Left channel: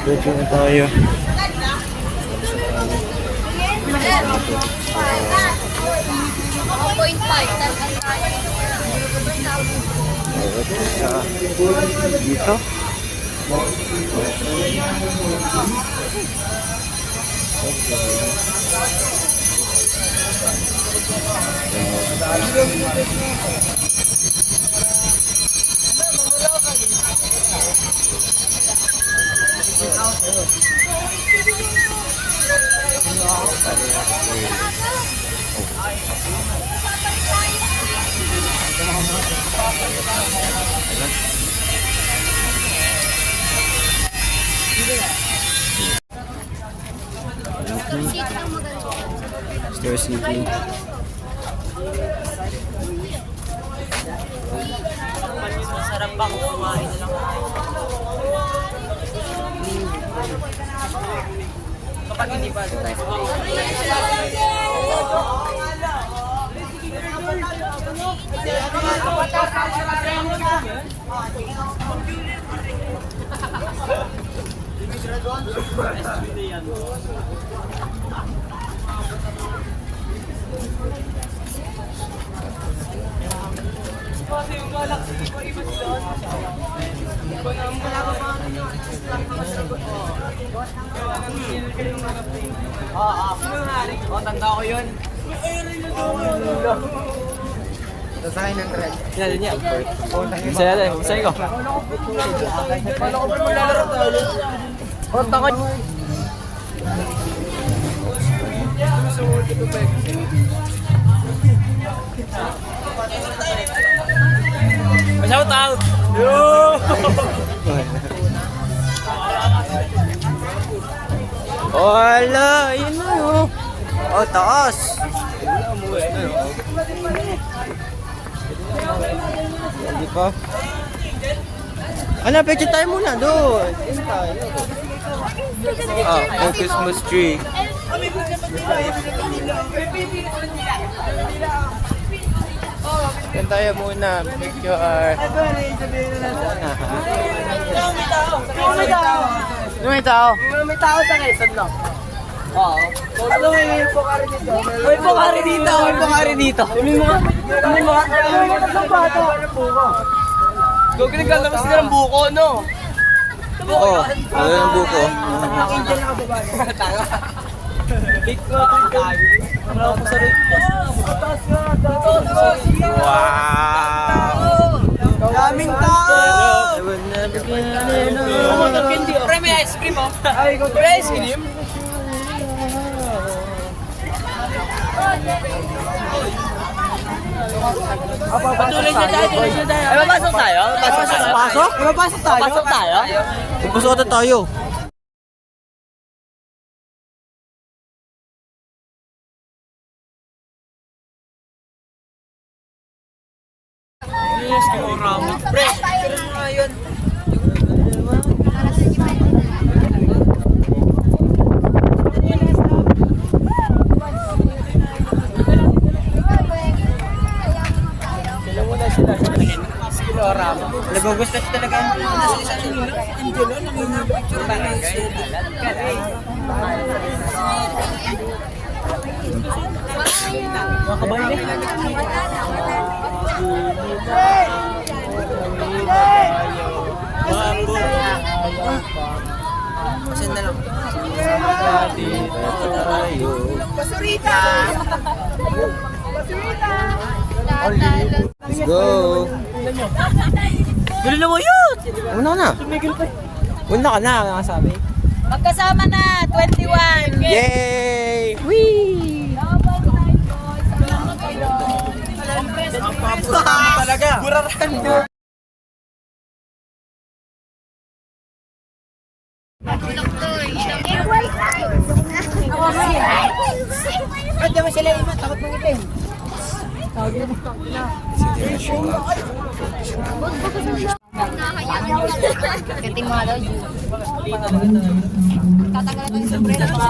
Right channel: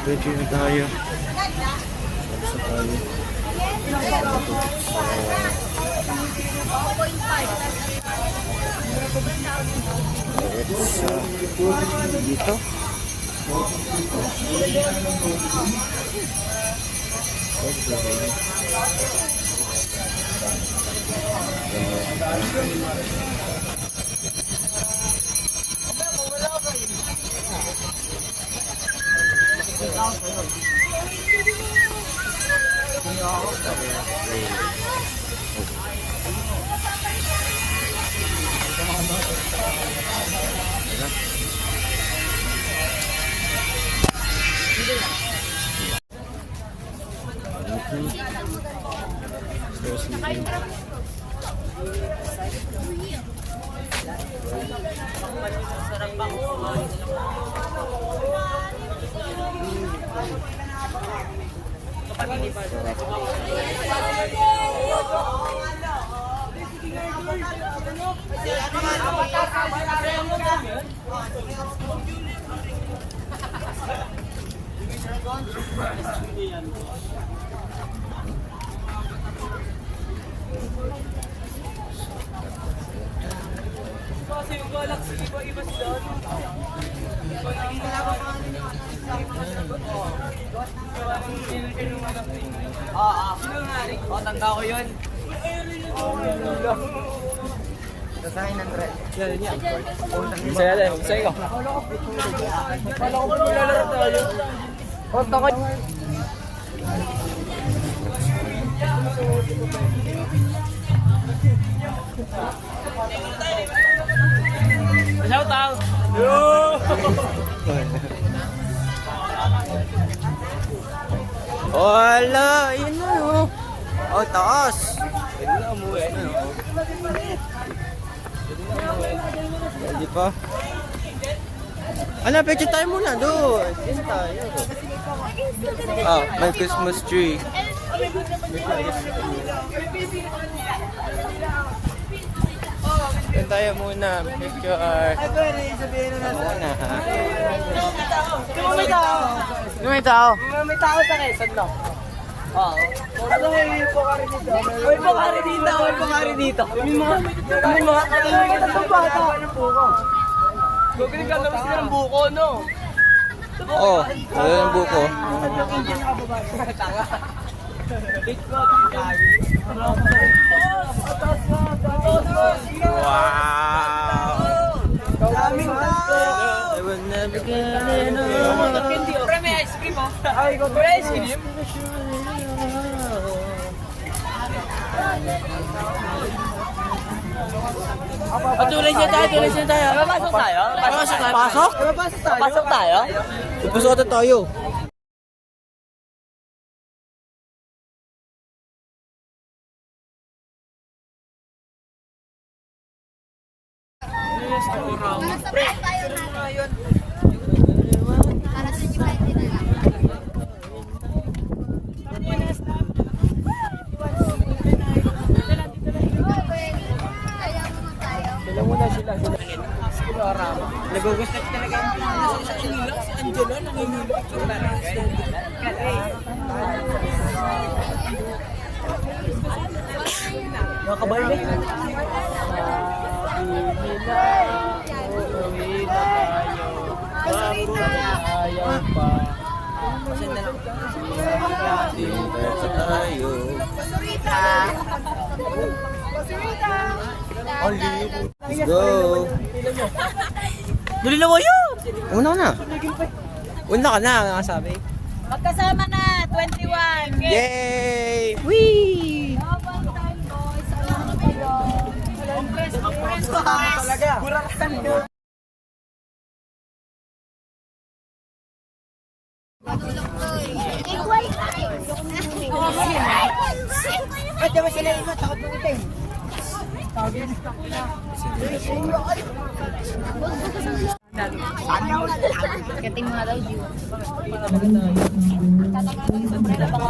Diretso na tayo. Dito. Star City. Sarap ba kung kumain na lang? Kapag hindi pa, kasi yung galaxy ko iba doon. Iba na ang tanda ko yun. Design and trend. Yan niya. Masaya tayo, masaya ko. Kontakan. Shout out! Wala! Yun na yun! Oh, taas! Hindi pa. Ano, picture tayo muna doon. Oh, ang Christmas tree. Yan tayo muna, picture. May tao. May tao sa Quezon, no? Oo. Ano may pokari dito? May pokari dito, may pokari dito. Kunin mo. Kunin mo. Gogi naglalabas sila ng buko, no? Oo, ano yung buko? Ang Indian na kababae. Tanga. Cake ko, cake. Ano ako sa rin? Wow! Daming tao. Pre, may ice cream, ha? Ay, may ice cream? Tuloy siya tayo, tuloy siya tayo. Ay, mapasok tayo? Pasok? Mapasok tayo. Pasok tayo? Pasok ata tayo. Pre, pero ngayon. Nagugusto ko talaga. Let's go! Dali na mo yun! Una na! Una ka na, nakasabi. Magkasama na, 21. Yay! Whee! Talaga. Buraran mo. Ba't naman sila iba? Takot mong itim. Kating mga daw, Ju. Tatanggal na tayo sa sombrero.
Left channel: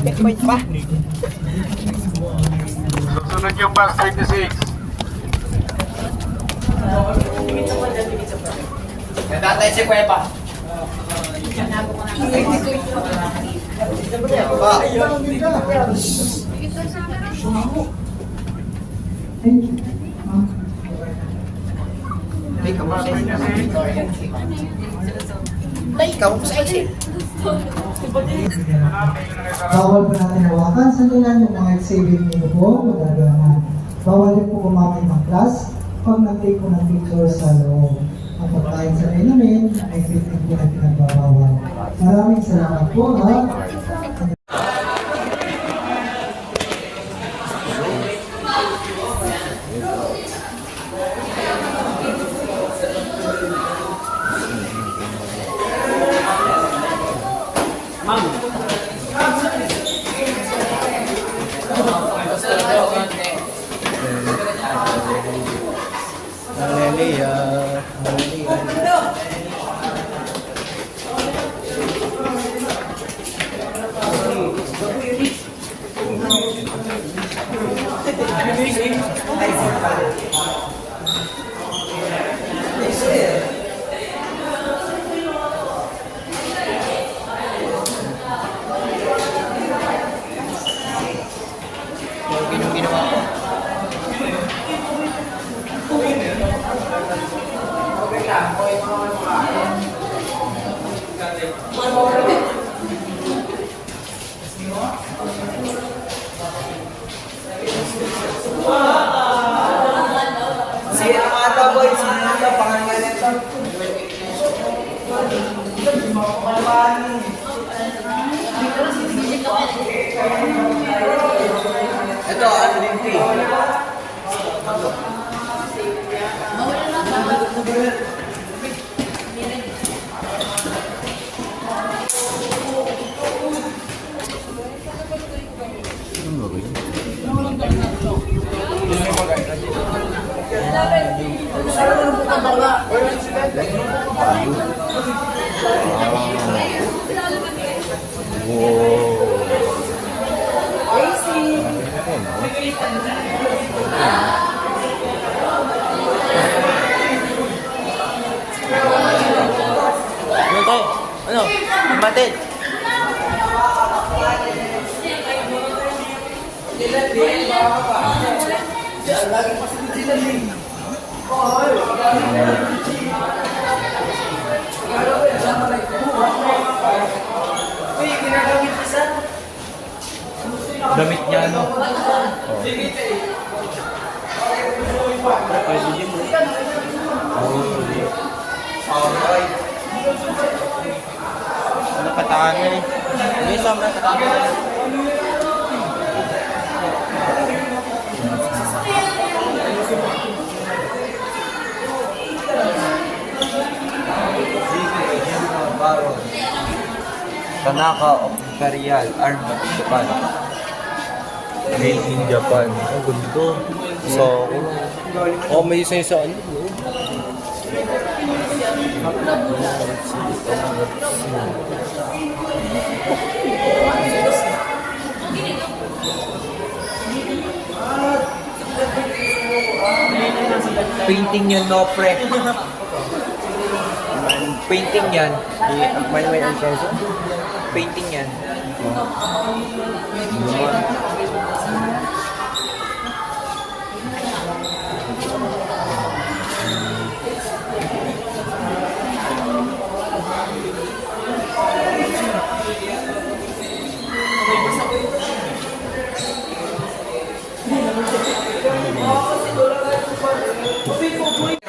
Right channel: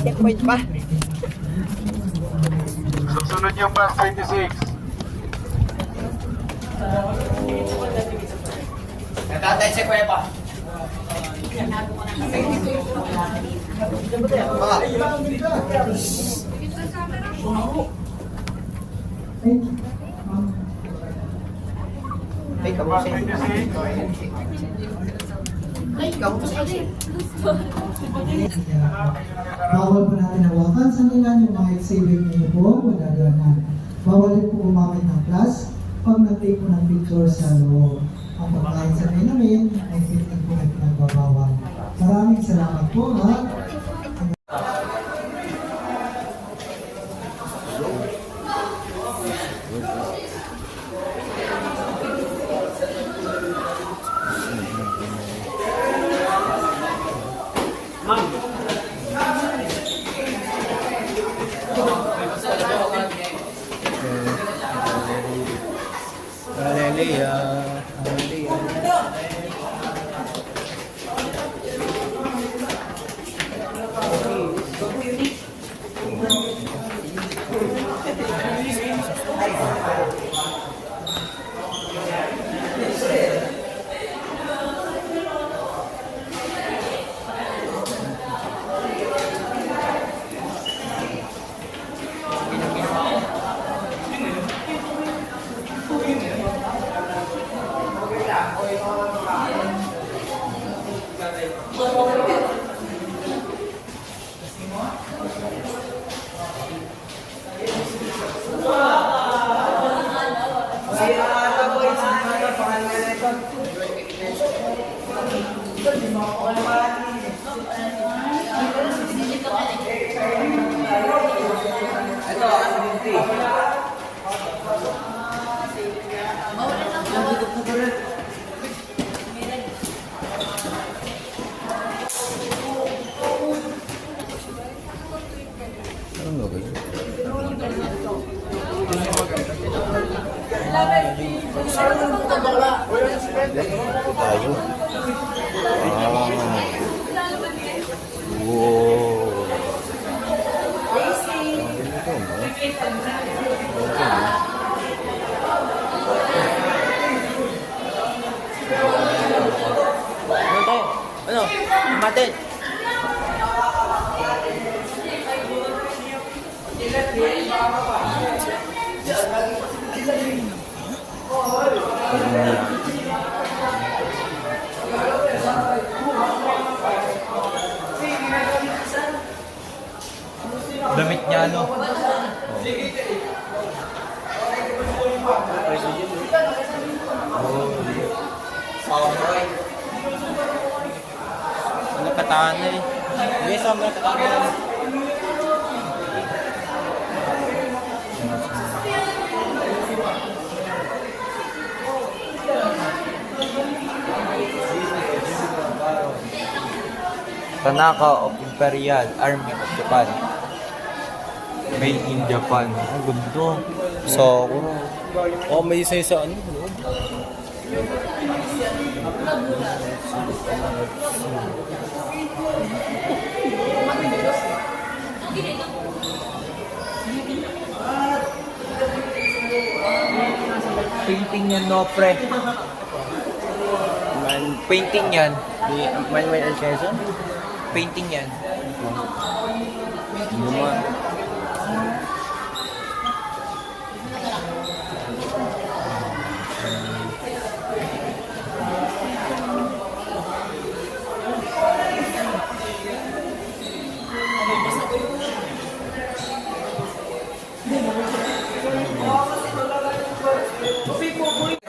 Checkpoint pa. Susunod yung bus 36. Natatay si Kuya pa. Bus 26. Ikaw mo sa isip. Bawal po natin hawakan sa nilan yung mga saving niyo po, magagawa na. Bawal din po gumamit ng class pag nag-take po ng picture sa loob. Ang pagkain sa namin ay 15 po na pinagbabawal. Maraming salamat po ha. Sige na mga to, boys. Sige na to, pangalan nito. Ito, ano din ito eh. Ano? Matid. Damit niya ano? Nakatangan niya eh. Hindi sobrang nakatangan. Tanaka of Imperial Army of Japan. Made in Japan. Ang gundo. So, oh, may isa sa ano. Painting yung Nopre. Painting yan. Painting yan.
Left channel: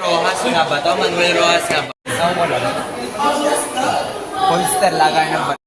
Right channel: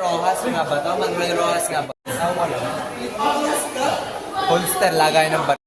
Rojas nga ba to? Manuel Rojas nga ba? So, wala. Polster, lagay ng bat.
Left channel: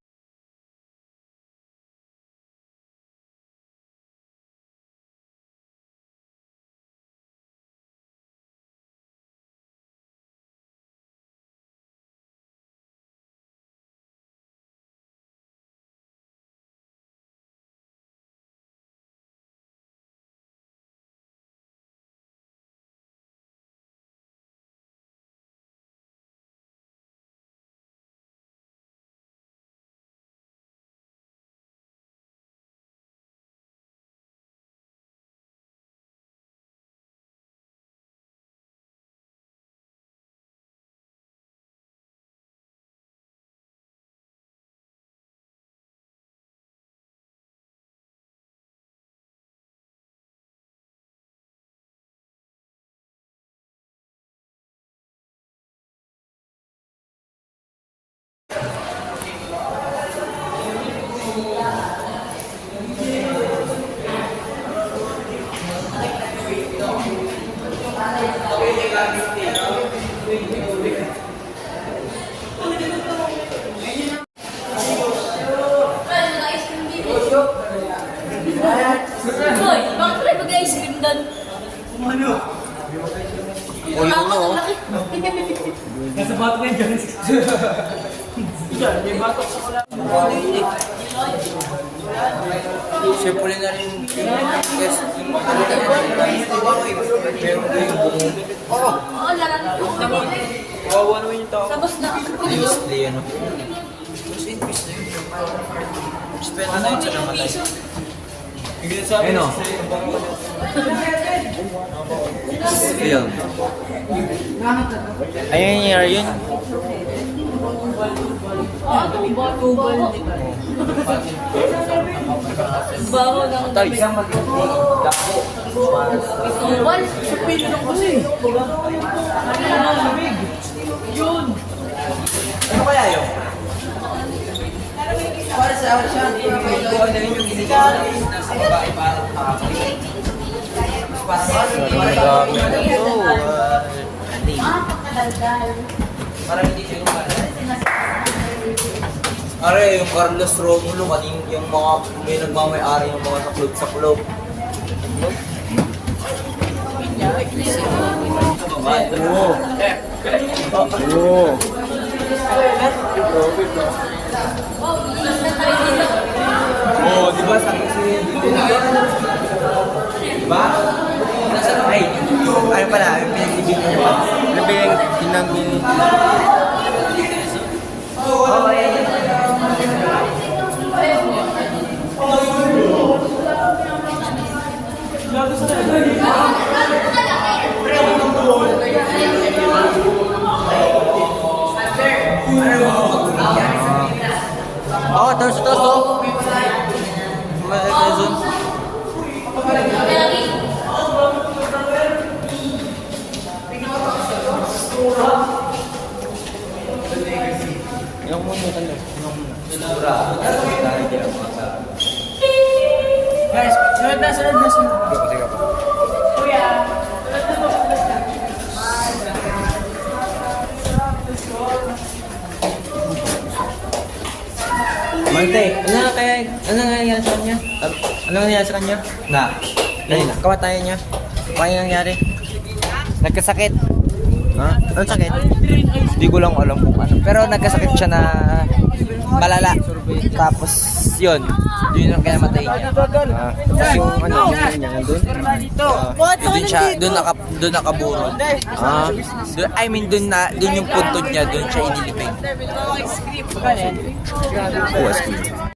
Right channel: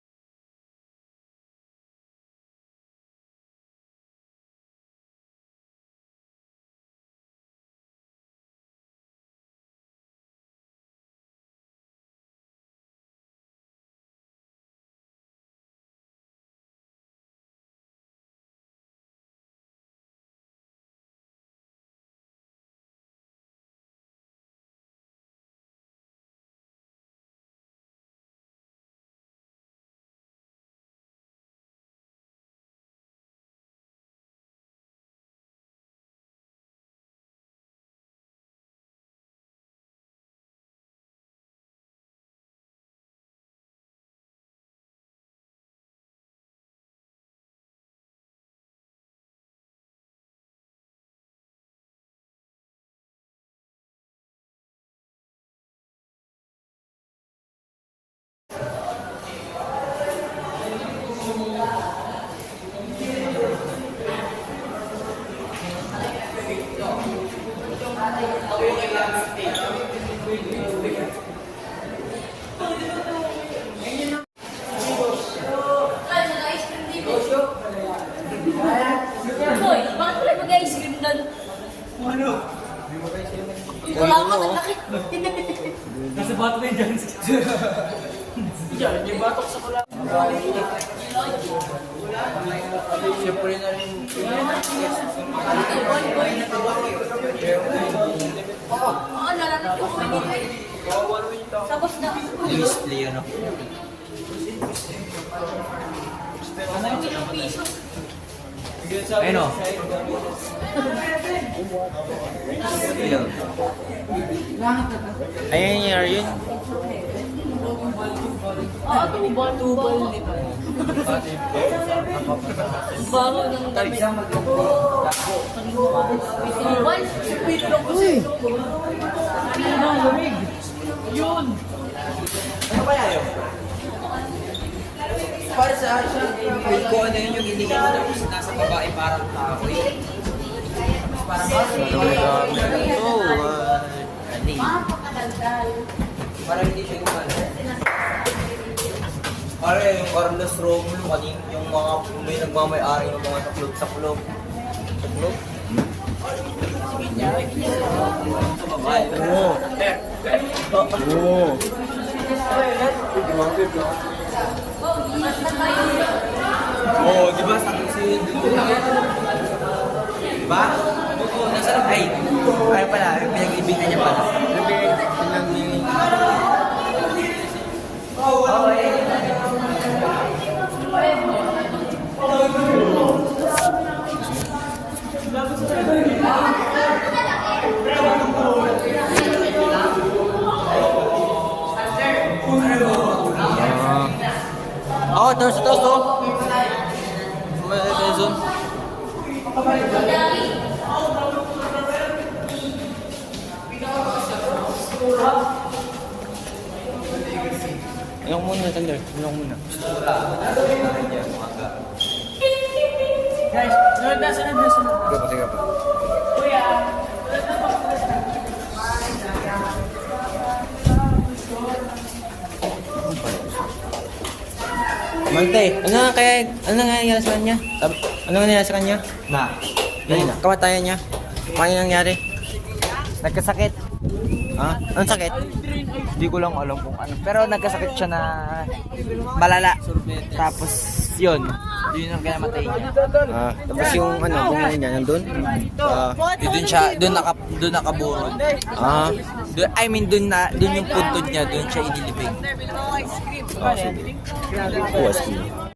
Hoy, bakit kayo mag-ice cream doon? Wala ka ng laki. Nasa bato na yung guys. Diyan, may batok sa kula. Siyempre na rin. Yes. Oo, lalaman ko. Kawawa naman yung tao. Tapos na. Display ano. Respeto na yun sa namatay. Ayun o. Ayun. Ayun yung year yun. Baho ng Tubal. Ano kaya yun? Para sa akin siya, ko ano yun yung isa nasa babae parang kahapon. Parang hindi siya gumala. Pare, yung Carlos Romulo, kaning yung mga may nagmamay-ari ng mga sa club. Oh, di ba sabi si Di ba? Nasa ay pala, pinag-ibigan niya pala. Oh, terus oh. Yung muna, Thunder. Yung muna. Guys, sunod na, sunod na, sunod. Mante, ano nangyari sa kanya? Ano nangyari sa kanya? Kamatayan niya. Paano nangyari? Nagkasakit. Ha? Anong sakit? Hindi ko lang alam kung ano. Pero nagkasakit siya na malala. Tapos yun ang kaya matay niya. Tapos yung ano, niya nandun. Doon nakaburo. Doon yung puntod niya, doon siya inilipin.